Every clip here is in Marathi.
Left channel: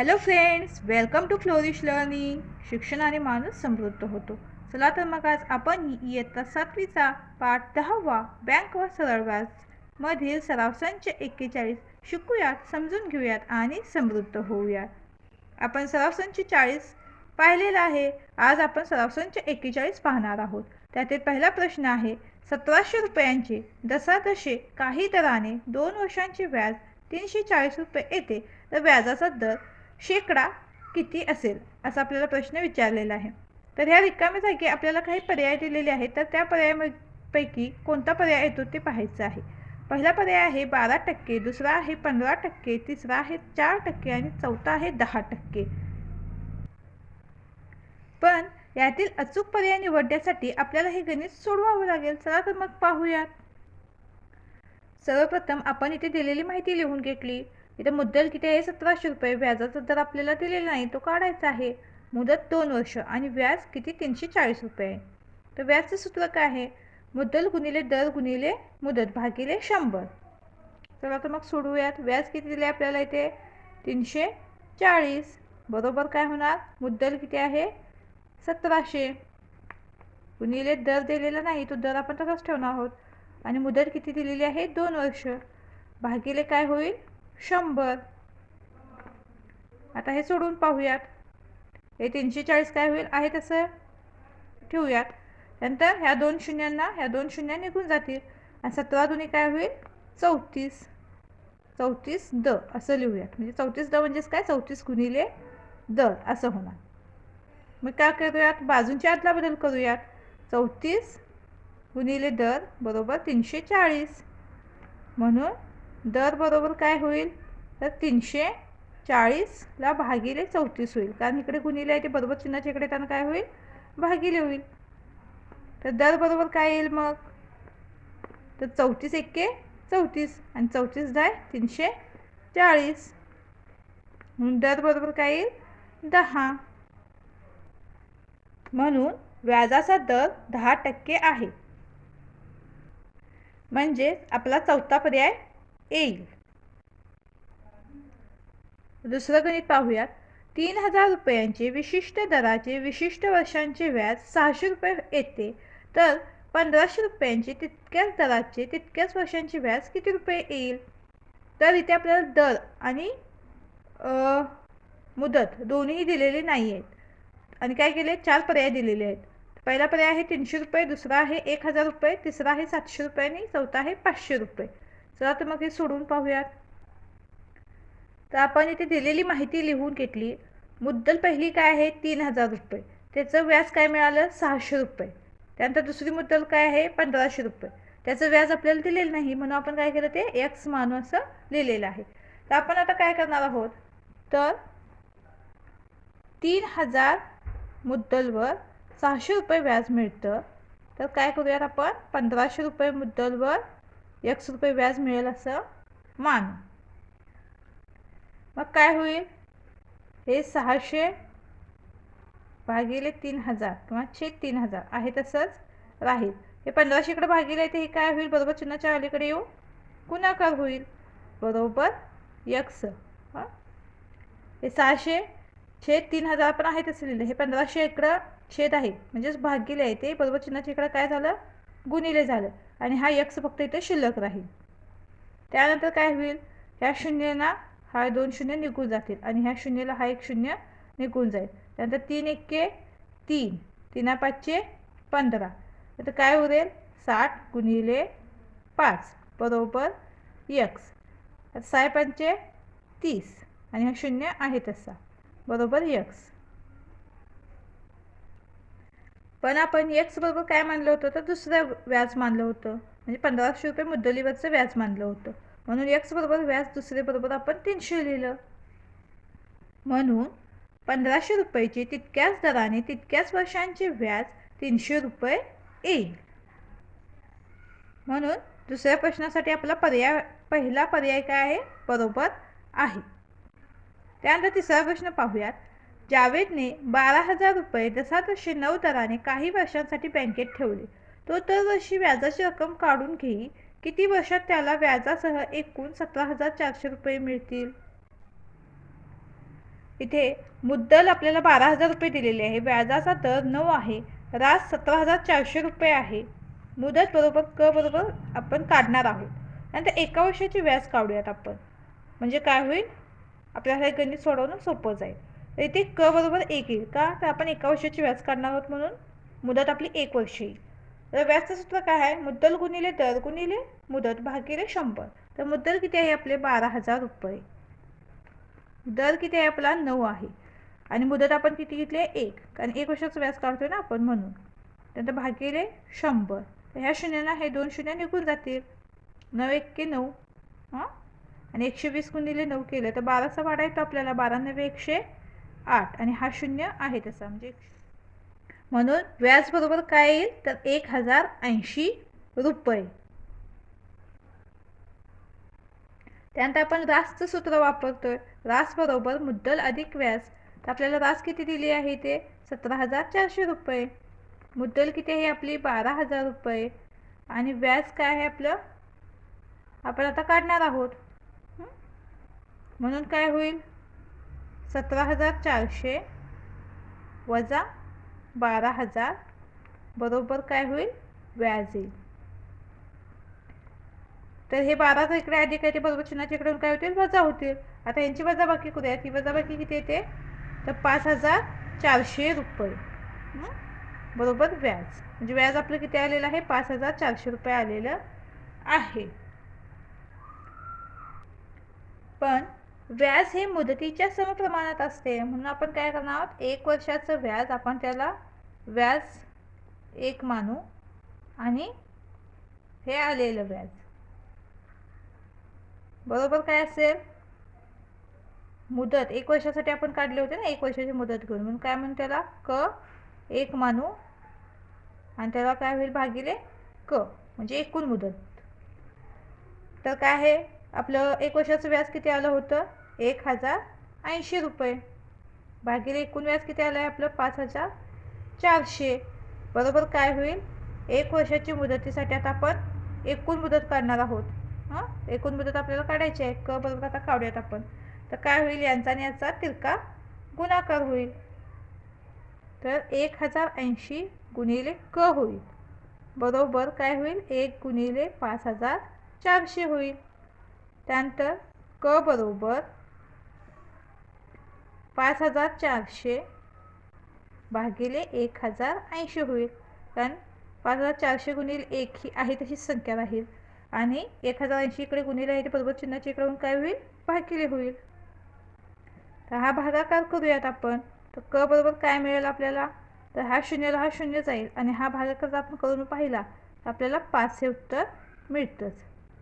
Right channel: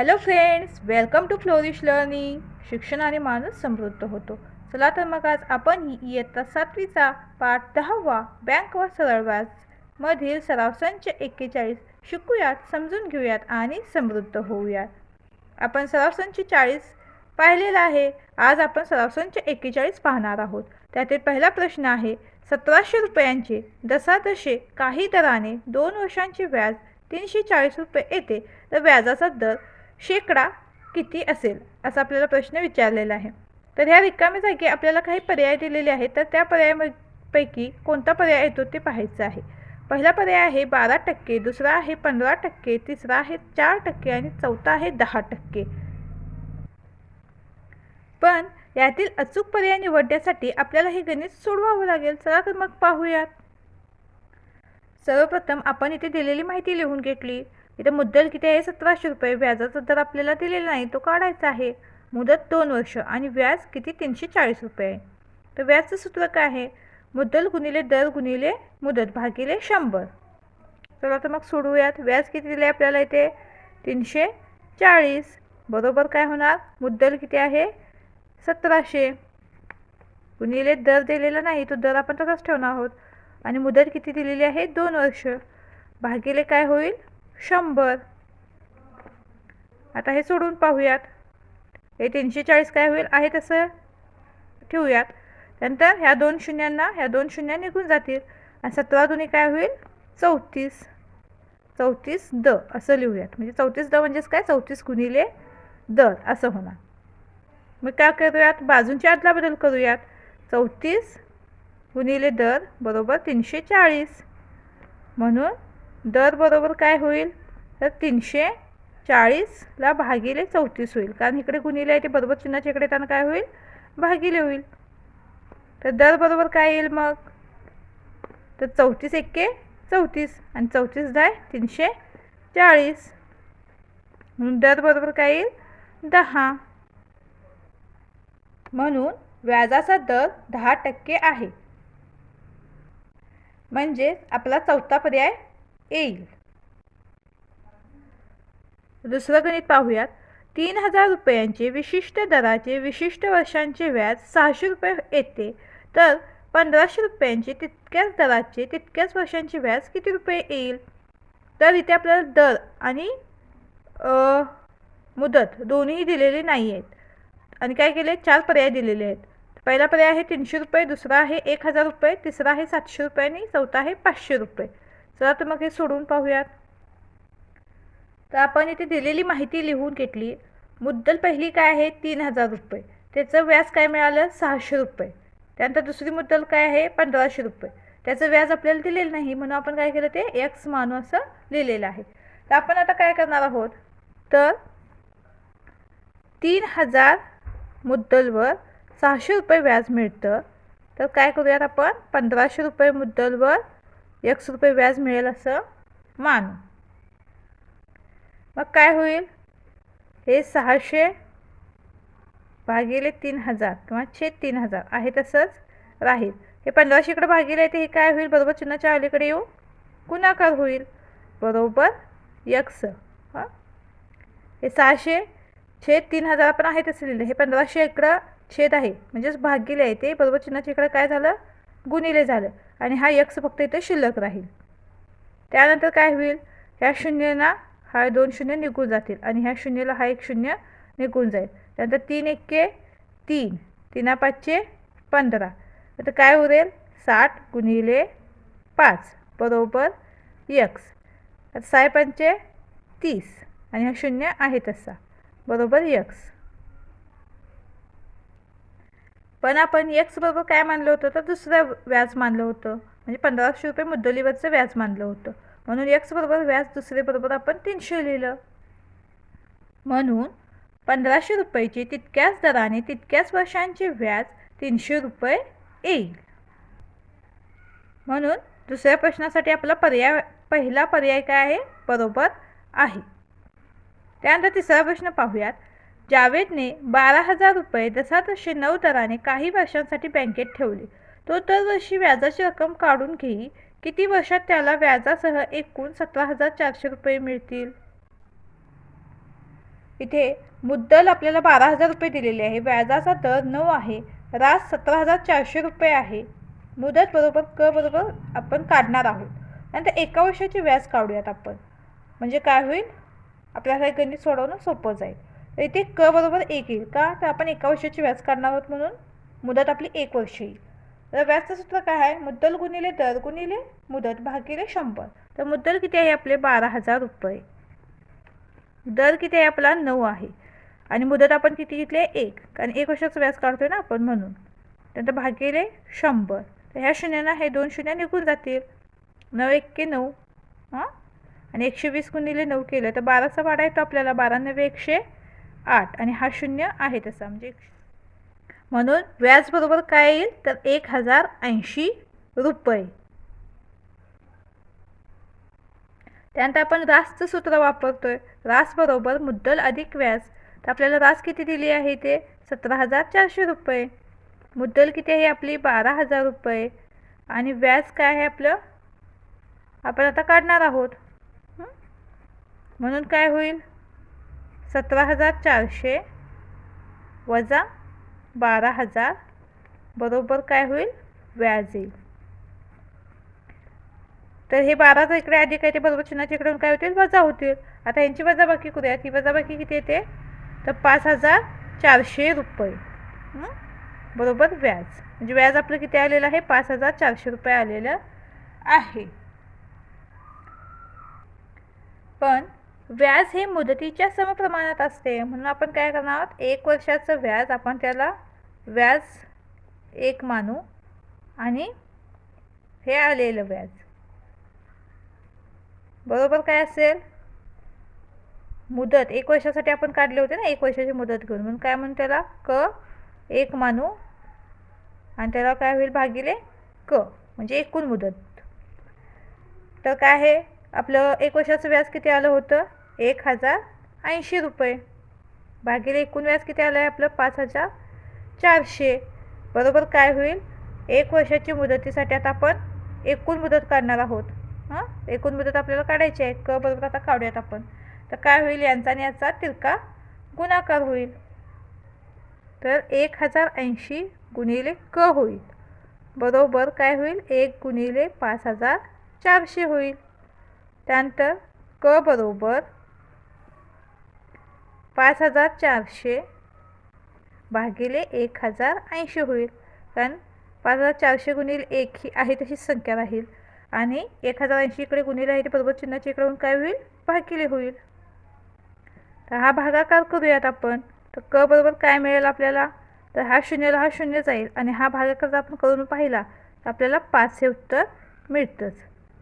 Hello friends welcome to Flourish Learning शिक्षणाने माणूस समृद्ध होतो. चला तर मग आज आपण ही इयत्ता सातवीचा पाठ दहावा बँक व सरळ व्याज मधील सराव संच एक्केचाळीस शिकूयात समजून घेऊयात आणि समृद्ध होऊयात. आपण सराव संच चाळीस पाहिलेला आहे. आज आपण सराव संच एक्केचाळीस पाहणार आहोत. त्यातील पहिला प्रश्न आहे सतराशे रुपयांचे दसादशे काही दराने दोन वर्षांचे व्याज तीनशे चाळीस रुपये येते. तर व्याजाचा दर शेकडा किती असेल असा आपल्याला प्रश्न विचारलेला आहे. तर ह्या रिकामी जागी आपल्याला काही पर्याय दिलेले आहेत तर त्या पर्यायापैकी कोणता पर्याय येतो ते पाहायचं आहे. पहिला पर्याय आहे बारा टक्के दुसरा आहे पंधरा टक्के तिसरा आहे चार टक्के आणि चौथा आहे दहा टक्के. पण यातील अचूक पर्याय निवडण्यासाठी आपल्याला हे गणित सोडवावं लागेल. चला तर मग पाहूयात. सर्वप्रथम आपण इथे दिलेली माहिती लिहून घेतली. इथं मुद्दल किती आहे? सतराशे रुपये. व्याजाचा दर आपल्याला दिलेला नाही तो काढायचा आहे. मुदत दोन वर्ष आणि व्याज किती? तीनशे चाळीस रुपये. तर व्याजचं सूत्र काय आहे? मुद्दल गुणिले दर गुणिले मुदत भागिले शंभर. चला तर मग सोडूयात व्याज किती दिले आपल्याला इथे? तीनशे चाळीस. बरोबर काय होणार? मुद्दल किती आहे? सतराशे. गुणिले दर दिलेला नाही तो दर आपण तसाच ठेवणार आहोत. आणि मुदत किती दिलेली आहे? दोन वर्ष. भागिले काय होईल? शंभर. आता हे सोडून पाहूयात. हे तीनशे चाळीस काय होईल? आहे तसं. ठेवूयात. नंतर ह्या दोन शून्यांना ह्या दोन शून्य निघून जातील. आणि सतरा दोन्ही काय होईल? चौतीस. चौतीस द असं लिहूयात. म्हणजे चौतीस द म्हणजेच काय? चौतीस गुणिले दर असं होणार. मग काय करूयात? बाजूंची आदला बदल करूयात. चौतीस गुणिले दर बरोबर तीनशे चाळीस. म्हणून दर बरोबर काय होईल? तर तीनशे चाळीसला भागिले चौतीस होईल. कारण इकडे गुणिले आहे ते बरोबर चिन्हाच्या इकडे येताना काय होईल? भागिले होईल. तर दर बरोबर काय येईल मग? तर चौतीस एक्के चौतीस आणि चौतीस दहा तीनशे चाळीस म्हणून दर बरोबर काय येईल? दहा. म्हणून व्याजाचा दर दहा टक्के आहे. म्हणजे आपला चौथा पर्याय येईल. दुसरं गणित पाहूयात. तीन हजार रुपयांचे विशिष्ट दराचे विशिष्ट वर्षांचे व्याज सहाशे रुपये येते. तर पंधराशे रुपयांचे तितक्याच दराचे तितक्याच वर्षांचे व्याज किती रुपये येईल? तर इथे आपल्याला दर आणि मुदत दोन्ही दिलेले नाही आहेत आणि काय केले? चार पर्याय दिलेले आहेत. पहिला पर्याय आहे तीनशे रुपये दुसरा आहे एक हजार रुपये तिसरा आहे सातशे रुपये आणि चौथा आहे पाचशे रुपये. चला तर मग हे सोडून पाहूयात. तर आपण इथे दिलेली माहिती लिहून घेतली. मुद्दल पहिली काय आहे? तीन हजार रुपये. त्याचं व्याज काय मिळालं? सहाशे रुपये. त्यानंतर दुसरी मुद्दल काय आहे? पंधराशे रुपये. त्याचं व्याज आपल्याला दिलेलं नाही म्हणून आपण काय केलं ते? एक्स मानू असं लिहिलेलं आहे. तर आपण आता काय करणार आहोत? तर तीन हजार मुद्दलवर सहाशे रुपये व्याज मिळतं. तर काय करूयात आपण? पंधराशे रुपये मुद्दलवर एकस रुपये व्याज मिळेल असं मानू. मग काय होईल? हे सहाशे भागिले तीन हजार किंवा छेद तीन हजार आहे तसंच राहील. हे पंधराशेकडे भागिले ते हे काय होईल? बरोबर चिन्हाच्या अलीकडे येऊ. गुणाकार होईल. बरोबर यक्स हां? हे सहाशे छेद तीन हजार आपण आहे तसं लिहिलं. हे पंधराशे इकडं छेद आहे. म्हणजेच भागिले आहे ते. बरोबर चिन्हाच्या इकडं काय झालं? गुणिले झालं आणि हा यक्स फक्त इथे शिल्लक राहील. त्यानंतर काय होईल? ह्या शून्यना हा दोन शून्य निघून जातील आणि ह्या शून्यला हा एक शून्य निघून जाईल. त्यानंतर तीन एक्के तीन. तीना पाचशे पंधरा. आता काय उरेल? साठ गुणिले पाच बरोबर यक्स आता साय पंचे तीस आणि हा शून्य आहे तसा बरोबर यक्स पण आपण एक्सबरोबर काय मानलं होतं? तर दुसरं व्याज मानलं होतं. म्हणजे पंधराशे रुपये मुद्दलीवरचं व्याज मानलं होतं. म्हणून एक्स बरोबर व्याज दुसरे बरोबर आपण तीनशे लिहिलं. म्हणून पंधराशे रुपयाची तितक्याच दराने तितक्याच वर्षांचे व्याज तीनशे रुपये येईल. म्हणून दुसऱ्या प्रश्नासाठी आपला पर्याय पहिला पर्याय काय आहे? बरोबर आहे. त्यानंतर तिसरा प्रश्न पाहूयात. जावेदने बारा हजार रुपये दसा तसे नऊ दराने काही वर्षांसाठी बँकेत ठेवले. तो दरवर्षी व्याजाची रक्कम काढून घेई किती वर्षात त्याला व्याजासह एकूण सतरा हजार चारशे रुपये मिळतील? इथे मुद्दल आपल्याला बारा हजार रुपये दिलेले आहे. व्याजाचा दर नऊ आहे. रास सतरा हजार चारशे रुपये आहे. मुदत बरोबर क बरोबर आपण काढणार आहोत. नंतर एका वर्षाची व्याज काढूयात आपण. म्हणजे काय होईल? आपल्याला हे गणित सोडवणं सोपं जाईल. येथे क बरोबर एक येईल का? तर आपण एका वर्षाची व्याज काढणार आहोत म्हणून. मुदत आपली एक वर्ष येईल. तर व्याजचं सूत्र काय आहे? मुद्दल गुणिले दर गुणिले मुदत भागिले शंभर. तर मुद्दल किती आहे आपले? बारा हजार रुपये. दर किती आहे आपला? नऊ आहे. आणि मुदत आपण किती घेतली आहे? एक. कारण एक वर्षाचं व्याज काढतोय ना आपण म्हणून. त्यानंतर भागिले शंभर. तर ह्या शून्यानं हे दोन शून्य निघून जातील. नऊ एक्के नऊ. हां? आणि एकशे वीस गुणिले नऊ केलं. तर बाराचा वाडा येतो आपल्याला. बारा नव्हे एकशे आठ आणि हा शून्य आहे तसा. म्हणजे म्हणून व्याज बरोबर काय येईल? तर एक हजार ऐंशी रुपये. त्यानंतर आपण रासचं सूत्र वापरतोय. रास बरोबर मुद्दल अधिक व्याज. तर आपल्याला रास किती दिली आहे ते सतरा हजार चारशे रुपये. मुद्दल किती आहे आपली? बारा हजार रुपये. आणि व्याज काय आहे आपलं? आपण आता काढणार आहोत. म्हणून काय होईल? सतरा हजार चारशे वजा बारा हजार बरोबर काय होईल? व्याज येईल तर हे बारा इकडे अधिक आहे ते बरोबर चिन्हाच्या इकडून काय होतील? वजा होतील. आता यांची वजाबाकी करूया ही वजाबाकी किती येते? तर पाच हजार चारशे रुपये. बरोबर व्याज. म्हणजे व्याज आपलं किती आलेलं आहे? पाच हजार चारशे रुपये आलेलं आहे. पण व्याज हे मुदतीच्या समप्रमाणात असते. म्हणून आपण काय करणार आहोत? एक वर्षाचं व्याज आपण त्याला व्याज एक मानू आणि हे आलेलं व्याज. बरोबर काय असेल? मुदत. एक वर्षासाठी आपण काढले होते ना एक वर्षाची मुदत घेऊन. म्हणून काय म्हणून त्याला? क एक मानू आणि त्याला काय होईल? भागिले क. म्हणजे एकूण मुदत. तर काय आहे? आपलं एक वर्षाचं व्याज किती आलं होतं? एक हजार ऐंशी रुपये. भागिले एकूण व्याज किती आलं आहे आपलं? पाच हजार चारशे. बरोबर काय होईल? एक वर्षाची मुदतीसाठी आता आपण एकूण मुदत काढणार आहोत. हां? एकूण मुदत आपल्याला काढायची आहे. क बरोबर आता काढूयात आपण. तर काय होईल? यांचा आणि याचा तिरका गुणाकार होईल. तर एक हजार ऐंशी गुणिले क होईल. बरोबर काय होईल? एक गुणिले पाच हजार चारशे होईल. त्यानंतर क बरोबर पाच हजार चारशे भागिले एक हजार ऐंशी होईल. कारण पाच हजार चारशे गुणिले एक ही आहे तशीच संख्या राहील. आणि एक हजार ऐंशी इकडे गुणिले आहे ते बरोबर चिन्हाच्या इकडे काय होईल? भागिले होईल. तर हा भागाकार करूयात आपण. तर क बरोबर काय मिळेल आपल्याला? तर हा शून्यला हा शून्य जाईल. आणि हा भागाकार जर आपण करून पाहिला तर आपल्याला पाच हे उत्तर मिळतंच.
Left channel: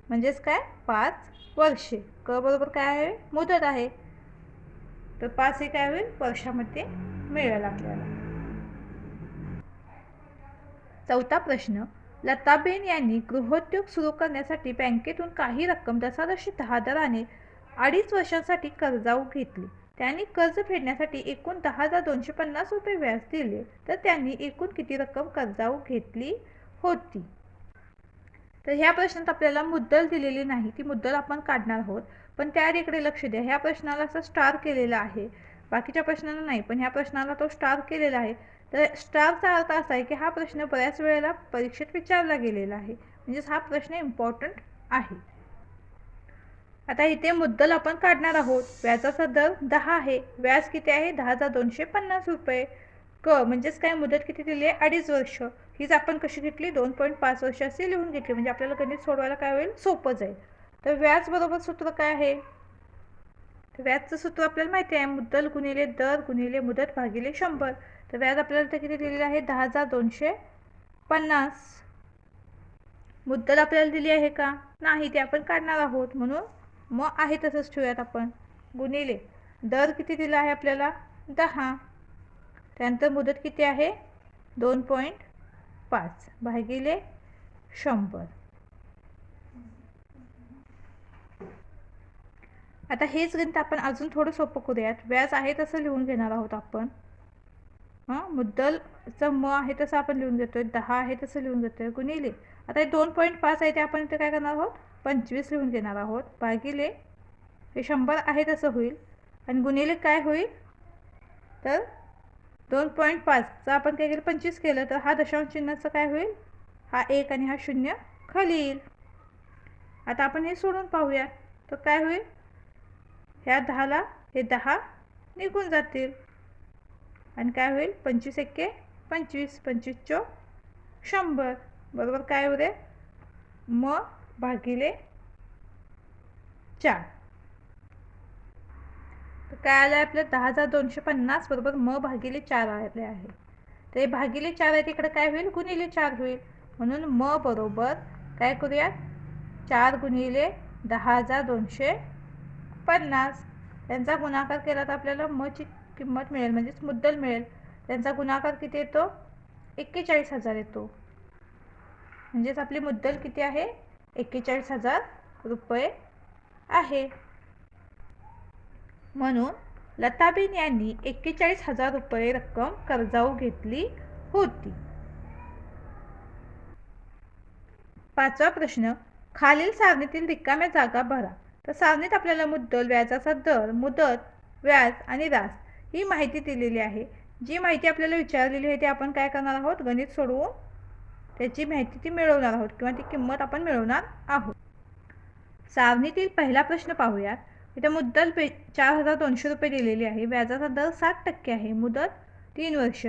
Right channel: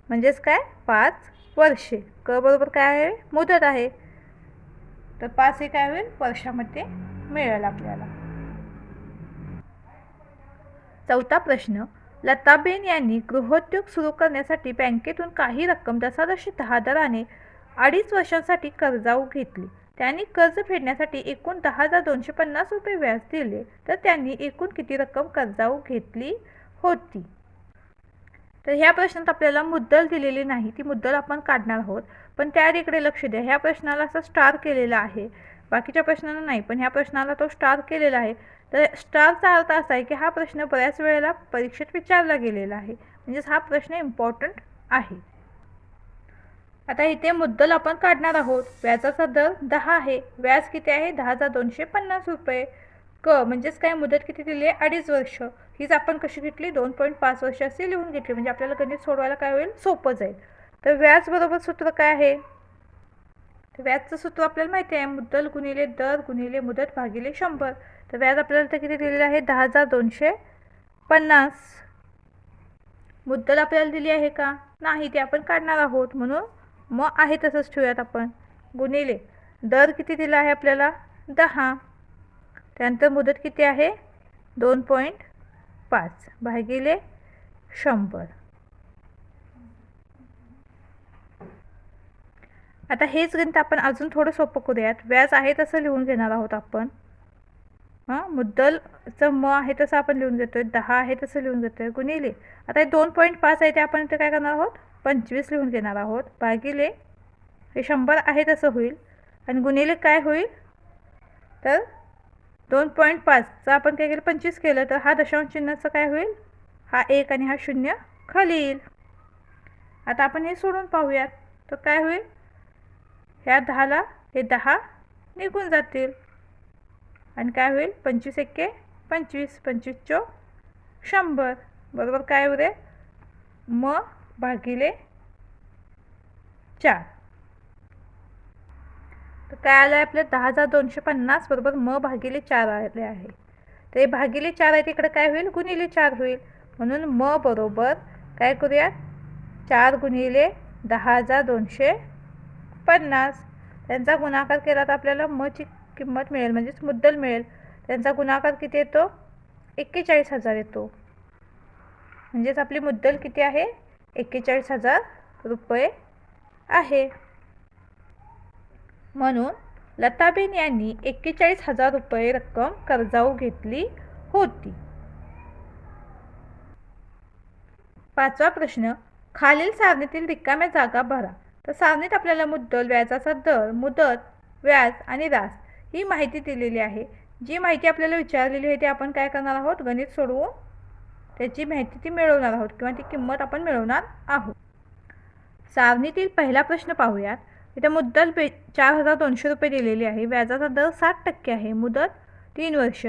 म्हणजेच काय? पाच वर्षे. क बरोबर काय आहे? मुदत आहे. तर पाच हे काय होईल वर्षामध्ये मिळेल आपल्याला. चौथा प्रश्न लताबेन यांनी गृहोद्योग सुरू करण्यासाठी बँकेतून काही रक्कम दशादशी दहा दराने अडीच वर्षांसाठी कर्जाऊ घेतली. त्यांनी कर्ज फेडण्यासाठी एकूण दहा हजार दोनशे पन्नास रुपये व्याज दिले. तर त्यांनी एकूण किती रक्कम कर्जाऊ घेतली होती? तर ह्या प्रश्नात आपल्याला मुद्दल दिलेली नाही. ती मुद्दल आपण काढणार आहोत. पण त्या इकडे लक्ष द्या. ह्या प्रश्नाला असं स्टार केलेला आहे. बाकीच्या प्रश्नांना नाही पण ह्या प्रश्नाला तो स्टार केलेला आहे. तर स्टारचा अर्थ असा आहे की हा प्रश्न बऱ्याच वेळेला परीक्षेत विचारला गेलेला आहे. म्हणजेच हा प्रश्न इम्पॉर्टंट आहे. आता इथे मुद्दल आपण काढणार आहोत. व्याजाचा दर दहा आहे. व्याज किती आहे? दहा हजार दोनशे पन्नास रुपये. क म्हणजेच काय? मुदत किती दिली आहे? अडीच वर्ष. हीच आपण कशी घेतली? दोन पॉईंट पाच वर्ष असे लिहून घेतली. म्हणजे आपल्याला गणित सोडवायला काय होईल? सोपं जाईल. तर व्याज बरोबर सूत्र काय आहे? तर व्याजचं सूत्र आपल्याला माहिती आहे. मुद्दल गुणिले दर गुणिले मुदत भागिले शंभर. तर व्याज आपल्याला तर किती दिलेलं आहे? दहा हजार दोनशे पन्नास. मुद्दल आपल्याला दिली आहे का? नाही ते आपण काढणार आहोत म्हणून मग आहे तसंच ठेवूयात आपण. गुणिले दर किती दिला आहे आपल्याला? दहा. त्यानंतर मुदत किती आहे? दोन पॉईंट पाच भागिले शंभर. आता हेच गणित आपण अजून थोडं सोपं करूयात. व्याज आहे तसं लिहून घेणार आहोत आपण. हां? मुद्दलचं म आहे तसं आपण लिहून घेतोय. दहा आहे तसं लिहून घेतोय. गुणिले. आता हे दोन पॉईंट पाच आहे ते आपण इथे काय करणार आहोत? पंचवीस लिहून घेणार आहोत. भागिले. हे शंभर आहे तसं होईल. आणि गुणिले काय होईल? तर दोन पॉईंट पाचचं आपण काय केलं? पंचवीस केलं तर हा दशांश चिन्हाचं काय होईल? हा एक आणि हा शून्य खाली येईल आता आपण हे सोडून पाहूयात. तर काय होईल? ह्या दहाला हे दहा निघून जातील. आणि काय होईल? पंचवीस एक्के पंचवीस पंचवीस चो शंभर. बरोबर काय होते म भागिले चार. तर काय आलं आहे आपलं? दहा हजार दोनशे पन्नास. बरोबर? म भागिले चार आले आहे. तर हे भागिले चार आहे तिकडे काय होईल? गुणिले चार होईल. म्हणून म बरोबर काय करूयात? चार गुणिले दहा हजार दोनशे पन्नास त्यांचा गुणाकार केला तर आपल्याला मची किंमत मिळेल म्हणजेच मुद्दल मिळेल. त्यांचा गुणाकार किती येतो? एक्केचाळीस हजार येतो. म्हणजेच आपली मुद्दल किती आहे? एक्केचाळीस हजार रुपये आहे. म्हणून लताबेन यांनी एक्केचाळीस हजार रुपये रक्कम कर्जाऊ घेतली होती. पाचवा प्रश्न खालील सारणीतील रिकाम्या जागा भरा. तर सारणीत आपल्याला मुद्दल व्याजाचा दर मुदत व्याज आणि रास ही माहिती दिलेली आहे. जी माहिती आपल्याला विचारलेली आहे ती आपण काय करणार आहोत? गणित सोडवून त्याची माहिती ती मिळवणार आहोत किंवा ती किंमत आपण मिळवणार आहोत. सारणीतील पहिला प्रश्न पाहूयात. इथे मुद्दल पे चार हजार दोनशे रुपये दिलेली आहे. व्याजाचा दर साठ टक्के आहे. मुदत तीन वर्ष.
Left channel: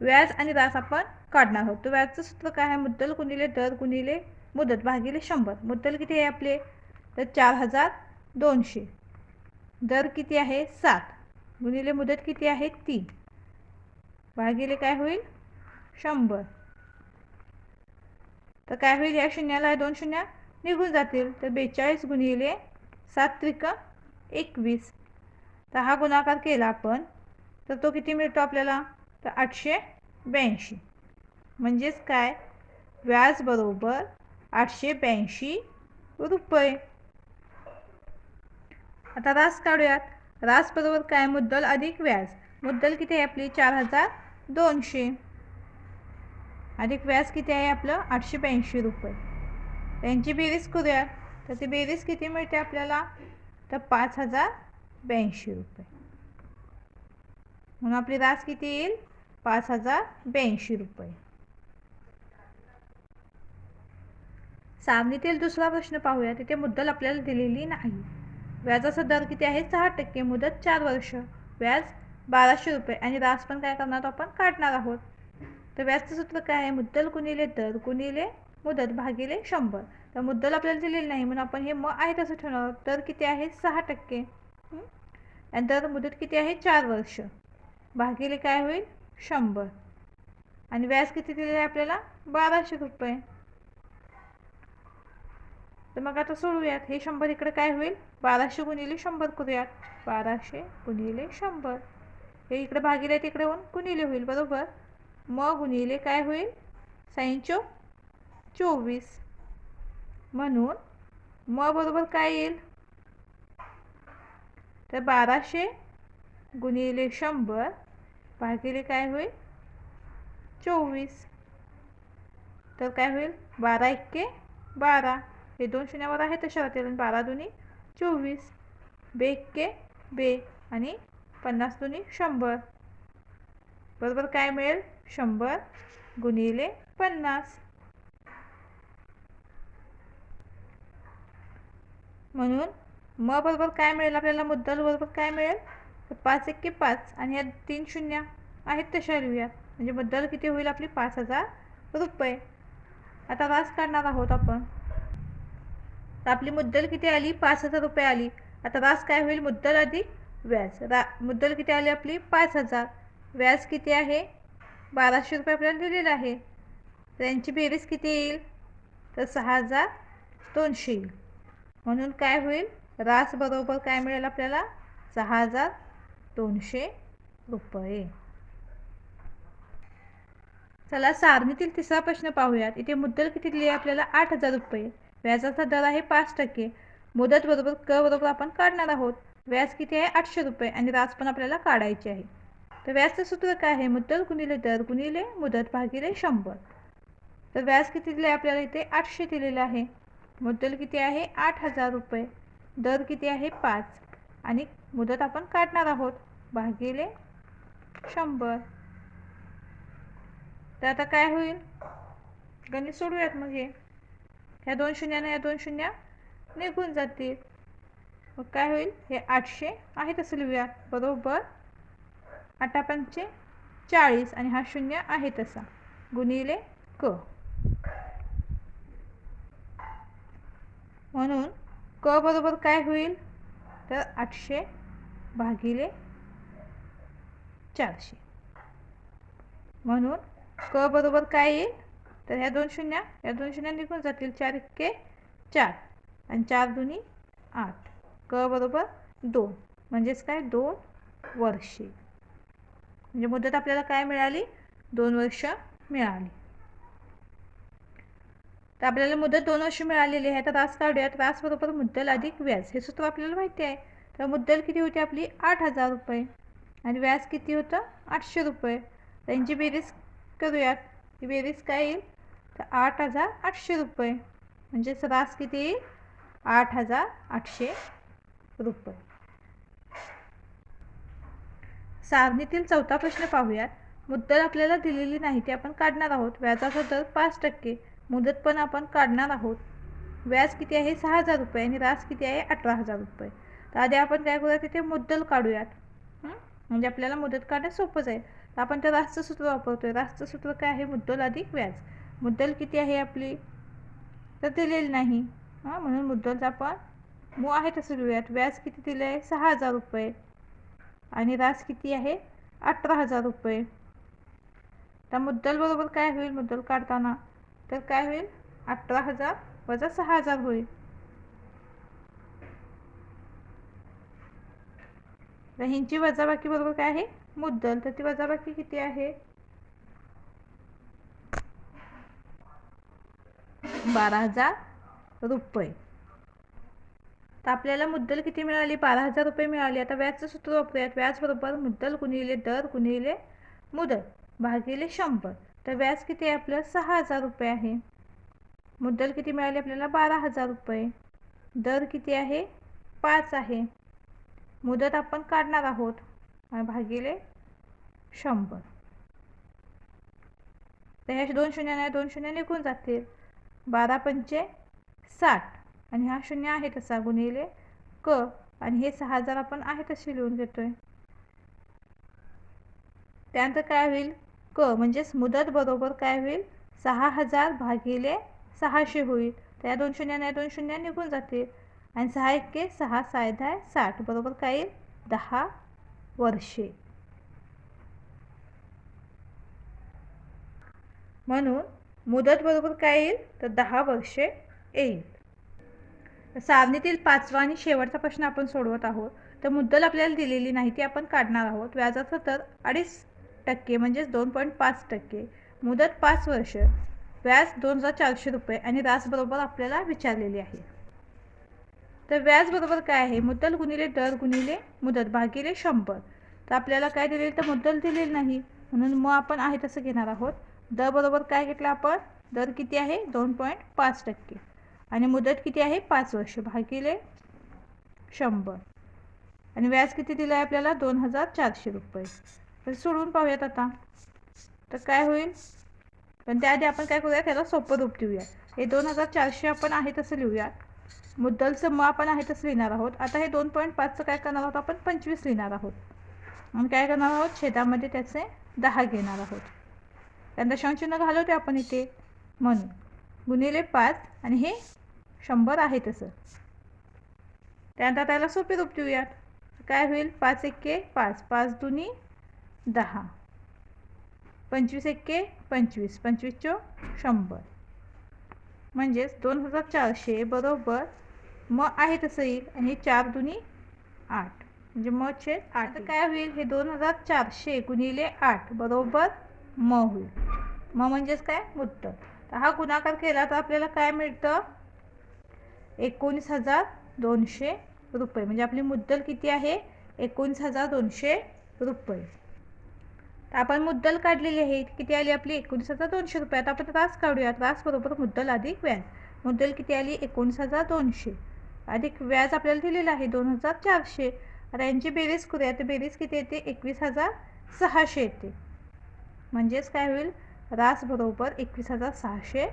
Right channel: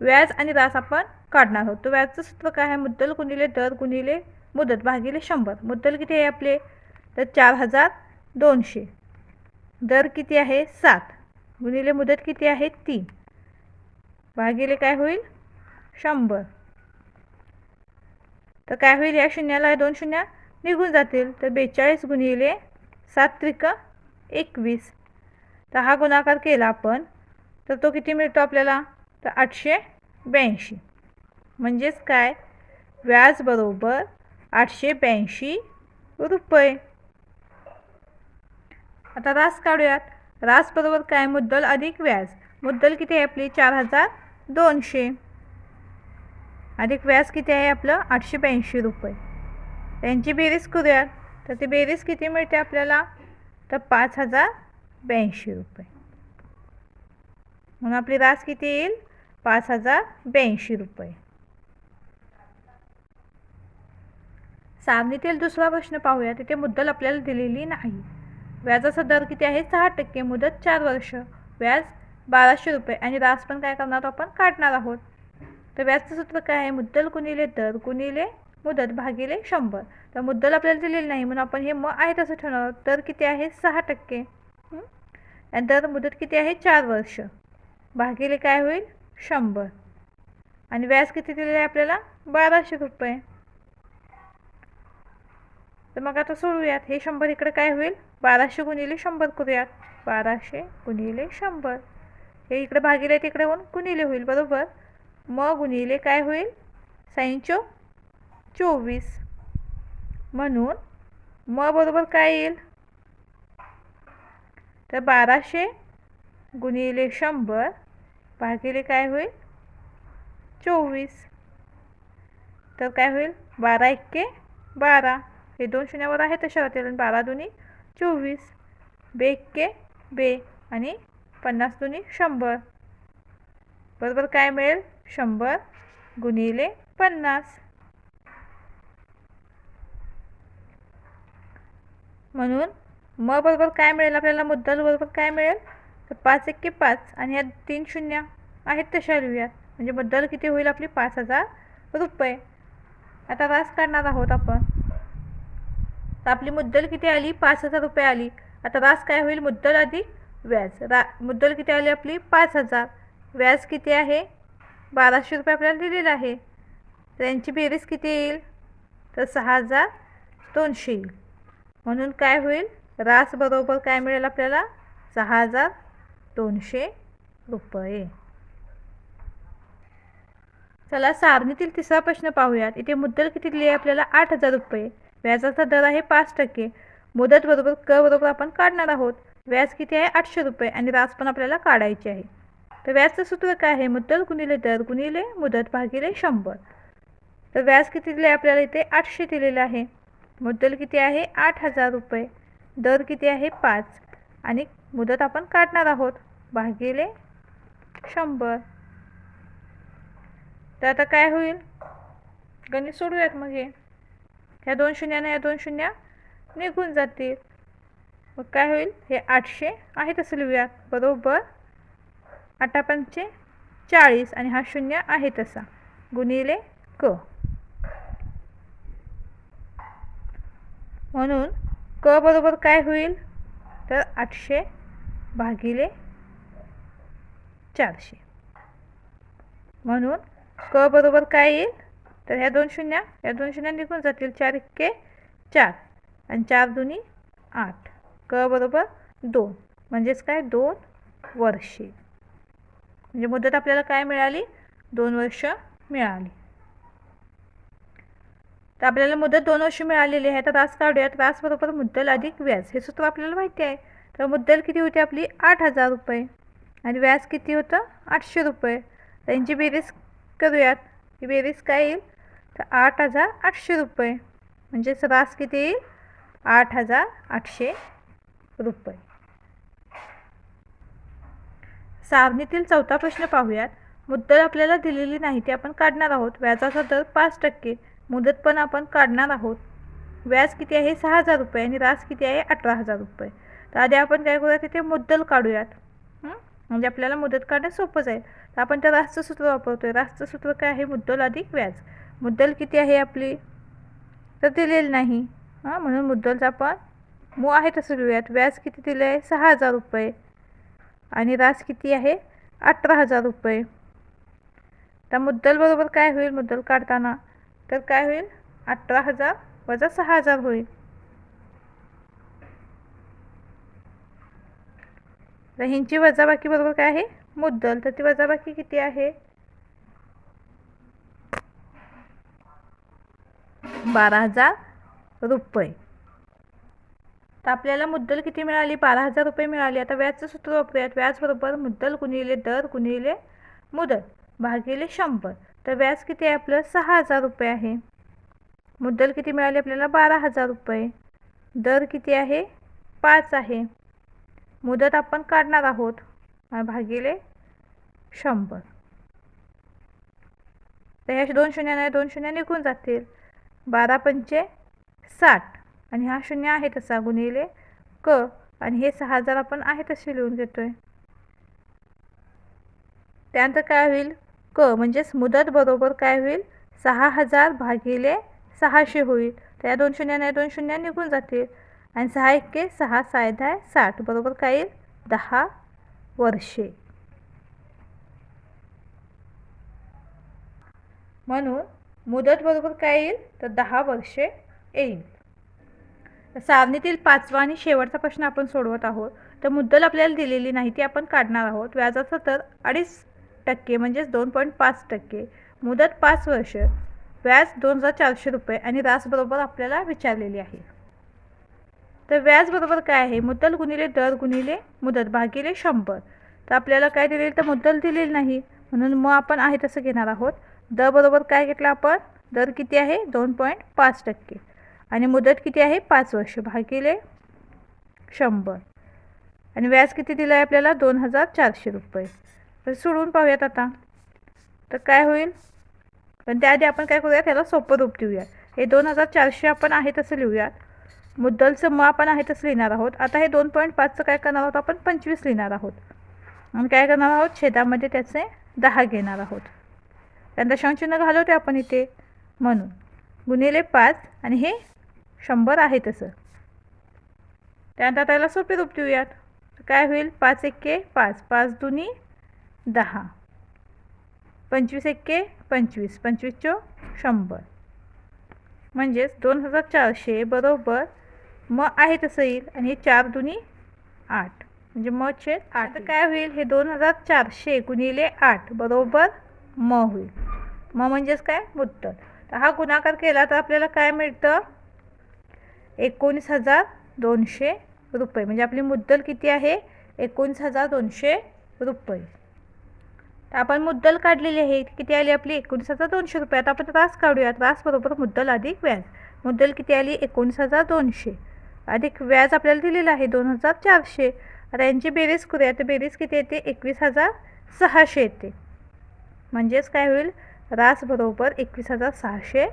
व्याज आणि रास आपण काढणार आहोत. तर व्याजचं सूत्र काय आहे? मुद्दल गुणिले दर गुणिले मुदत भागिले शंभर. मुद्दल किती आहे आपले? तर चार हजार दोनशे. दर किती आहे? सात. गुणिले मुदत किती आहे? तीन. भागिले काय होईल? शंभर. तर काय होईल? या शून्याला दोन शून्य निघून जातील. तर बेचाळीस गुणिले सात त्रिक एकवीस. तर हा गुणाकार केला आपण. तर तो किती मिळतो आपल्याला? तर आठशे ब्याऐंशी. म्हणजेच काय? व्याज बरोबर आठशे ब्याऐंशी रुपये. आता रास काढूयात. रास बरोबर काय? मुद्दल अधिक व्याज मुद्दल किती आहे आपली? चार हजार दोनशे. अधिक व्याज किती आहे आपलं? आठशे ब्याऐंशी रुपये. त्यांची बेरीज करूयात. तर ती बेरीज किती मिळते आपल्याला? तर पाच हजार ब्याऐंशी रुपये. म्हणून आपली रास किती येईल? पाच हजार ब्याऐंशी रुपये. सारणीतील दुसरा प्रश्न पाहूया तिथे मुद्दल आपल्याला दिलेली नाही. व्याजाचा दर किती आहे? सहा टक्के मुदत चार वर्ष. व्याज बाराशे रुपये आणि रास पण काय करणार आपण? काढणार आहोत. तर व्याजचं सूत्र काय आहे? मुद्दल गुणिले दर गुणिले मुदत भागिले शंभर. तर मुद्दल आपल्याला दिलेली नाही म्हणून आपण हे मग आहे तसं ठेवणार आहोत दर किती आहे? सहा टक्के. आणि दर मुदत किती आहे? चार वर्ष. भागिले काय होईल? शंभर. आणि व्याज किती दिलेलं आहे आपल्याला? बाराशे रुपये. तर मग आता सोडूयात. हे शंभर इकडे काय होईल? बाराशे गुणिले शंभर करूयात. बाराशे गुणिले शंभर. हे इकडे भागिले तिकडे होऊन गुणिले होईल बरोबर? म गुणिले काय होईल? साईंचो चोवीस. म्हणून म बरोबर काय येईल? तर बाराशे गुणिले शंभर भागिले काय होईल? चोवीस. तर काय होईल? बारा एक्के बारा. हे दोन शून्यावर आहे तशा राहतील आणि बारा दोन्ही चोवीस बे एक्के बे आणि पन्नास दोन्ही शंभर. बरोबर काय मिळेल? शंभर गुणिले पन्नास. म्हणून म बरोबर काय मिळेल आपल्याला? मुद्दल बरोबर काय मिळेल? तर पाच एक्के पाच आणि या तीन शून्य आहेत तशा लिहूयात. म्हणजे मुद्दल किती होईल आपली? पाच हजार रुपये. आता रास काढणार आहोत आपण. तर आपली मुद्दल किती आली? पाच हजार रुपये आली. आता रास काय होईल मुद्दल अधिक व्याज. रा मुद्दल किती आली आपली? पाच हजार. व्याज किती आहे? बाराशे रुपये आपल्याला दिलेलं आहे. तर यांची बेरीज किती येईल? तर सहा हजार दोनशे येईल. म्हणून काय होईल? रास बरोबर काय मिळेल आपल्याला? सहा हजार दोनशे रुपये. चला सारणीतील तिसरा प्रश्न पाहूयात. इथे मुद्दल किती दिली आहे आपल्याला? आठ हजार रुपये. व्याजाचा दर आहे पाच टक्के. मुदत बरोबर कर बरोबर आपण काढणार आहोत. व्याज किती आहे? आठशे रुपये आणि रास पण आपल्याला काढायचे आहे. तर व्याजचं सूत्र काय आहे? मुद्दल गुणिले दर गुणिले मुदत भागिले शंभर. तर व्याज किती दिले आपल्याला इथे आठशे दिलेलं आहे. मुद्दल किती आहे? आठ हजार रुपये. दर किती आहे? पाच. आणि मुदत आपण काढणार आहोत. भागिले शंभर. तर आता काय होईल? गणित सोडूयात मग हे. ह्या दोन शून्यानं या दोन शून्य निघून जातील. मग काय होईल? हे आठशे आहे तसं लिहूयात बरोबर? आठापंचे चाळीस आणि हा शून्य आहे तसा. गुणिले क. म्हणून क बरोबर काय होईल? तर आठशे भागिले चारशे. म्हणून क बरोबर काय येईल? तर ह्या दोन शून्य या दोन शून्य निघून जातील चार इतके चार. आणि चार दोन्ही आठ. क बरोबर दोन. म्हणजेच काय? दोन वर्षे. म्हणजे मुदत आपल्याला काय मिळाली? दोन वर्ष मिळाली. तर आपल्याला मुदत दोन वर्ष मिळालेली आहे. तर रास काढूयात. रास बरोबर मुद्दल अधिक व्याज. हे सूत्र आपल्याला माहिती आहे. तर मुद्दल किती होती आपली? आठ हजार रुपये. आणि व्याज किती होतं? आठशे रुपये. त्यांची बेरीज करूयात. ही बेरीज काय येईल? तर आठ हजार आठशे रुपये. म्हणजेच रास किती येईल? आठ हजार आठशे रुपये. सारणीतील चौथा प्रश्न पाहूयात. मुद्दल आपल्याला दिलेली नाही ती आपण काढणार आहोत. व्याजाचा दर पाच टक्के. मुदत पण आपण काढणार आहोत. व्याज किती आहे? सहा हजार रुपये आणि रास किती आहे? अठरा हजार रुपये. तर आधी आपण काय करूया तिथे मुद्दल काढूयात. म्हणजे आपल्याला मुदत काढणं सोपं जाईल. तर आपण त्या रासचं सूत्र वापरतोय. रासचं सूत्र काय आहे? मुद्दल अधिक व्याज. मुद्दल किती आहे आपली? तर दिलेली नाही. हां म्हणून मुद्दलचा आपण मू आहे तसं लिहूयात. व्याज किती दिलं आहे? सहा हजार रुपये. आणि रास किती आहे? अठरा हजार रुपये. तर मुद्दल बरोबर काय होईल? मुद्दल काढताना. तर काय होईल? अठरा हजार वजा सहा हजार होईल. तर ह्यांची वजाबाकी बरोबर काय आहे? मुद्दल. तर ती वजाबाकी किती आहे? बारा हजार रुपये. तर आपल्याला मुद्दल किती मिळाली? बारा हजार रुपये मिळाली. आता व्याजचं सूत्र वापरूयात व्याजबरोबर मुद्दल गुणिले दर गुणिले मुदत भागिले शंभर. तर व्याज किती आहे आपलं? सहा हजार रुपये आहे. मुद्दल किती मिळाली आपल्याला? बारा हजार रुपये. दर किती आहे? पाच आहे. मुदत आपण काढणार आहोत. भागिले शंभर. तर ह्या दोन शून्य नाही दोन शून्य निघून जातील. बारा पंचे साठ. आणि हा शून्य आहे तसा गुणिले क. आणि हे सहा हजार आपण आहे तसे लिहून घेतोय त्यानंतर काय होईल? क म्हणजेच मुदत बरोबर काय होईल? सहा हजार भागिले सहाशे होईल. तर या दोन शून्य नाही दोन शून्य निघून जातील. आणि सहा एक्के सहा साय साठ. बरोबर काय येईल? दहा वर्षे. म्हणून मुदत बरोबर काय येईल? तर दहा वर्षे येईल. सारणीतील पाचवा आणि शेवटचा प्रश्न आपण सोडवत आहोत. तर मुद्दल आपल्याला दिलेली नाही ती आपण काढणार आहोत. व्याजाचा दर अडीच टक्के म्हणजेच दोन पॉईंट पाच टक्के. मुदत पाच वर्ष व्याज दोन हजार चारशे रुपये आणि रास बरोबर आपल्याला विचारलेली आहे. तर व्याज बरोबर काय आहे? मुद्दल गुणिले दर गुणिले मुदत भागिले शंभर. तर आपल्याला काय दिलेलं? तर मुद्दल दिलेली नाही. म्हणून मग आपण आहे तसं घेणार आहोत. दर बरोबर काय घेतलं आपण? दर किती आहे? दोन पॉईंट पाच टक्के. आणि मुदत किती आहे? पाच वर्ष. भागिले शंभर. आणि व्याज किती दिलं आहे आपल्याला? दोन हजार चारशे रुपये. तर सोडून पाहूयात आता. तर काय होईल? पण त्याआधी आपण काय करूया त्याला सोपं रूप देऊया. हे दोन हजार चारशे आपण आहे तसं लिहूयात. मुद्दलचं मग आपण आहे तसं लिहिणार आहोत. आता हे दोन पॉईंट पाचचं काय करणार आहोत? आपण पंचवीस लिहिणार आहोत. आणि काय करणार आहोत? छेदामध्ये त्याचे दहा घेणार आहोत. कारण दशांशचिन्ह घालवते आपण इथे. म्हणून. गुणिले पाच आणि हे शंभर आहे तसं. त्यानंतर त्याला सोपे रूप देऊयात. काय होईल? पाच एक्के पाच. पाच दुनी दहा. पंचवीस एक्के पंचवीस. पंचवीस चो शंभर. म्हणजेच दोन हजार चारशे बरोबर मग आहे तसं येईल. आणि हे चार दुनी आठ. म्हणजे म छे आठ. काय होईल? हे दोन हजार चारशे गुणिले आठ बरोबर म होईल. म म्हणजेच काय? मुद्दल तर हा गुणाकार केला तर आपल्याला काय मिळतं? एकोणीस हजार दोनशे रुपये. म्हणजे आपली मुद्दल किती आहे? एकोणीस हजार दोनशे रुपये. तर आपण मुद्दल काढलेली आहे. किती आली आपली? एकोणीस हजार दोनशे रुपये. आता आपण रास काढूया रास बरोबर मुद्दल अधिक व्याज. मुद्दल किती आली? एकोणीस हजार दोनशे. अधिक व्याज आपल्याला दिलेलं आहे दोन हजार चारशे. आता यांची बेरीज करूया. तर बेरीज किती येते? एकवीस हजार सहाशे येते. म्हणजेच काय होईल? रास बरोबर एकवीस हजार सहाशे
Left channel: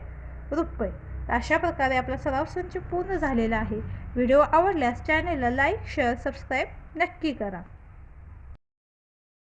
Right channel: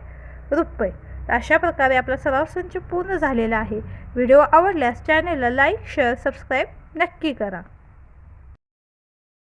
रुपये. अशा प्रकारे आपला सराव संच पूर्ण झालेला आहे. व्हिडिओ आवडल्यास चॅनलला लाईक शेअर सबस्क्राईब नक्की करा.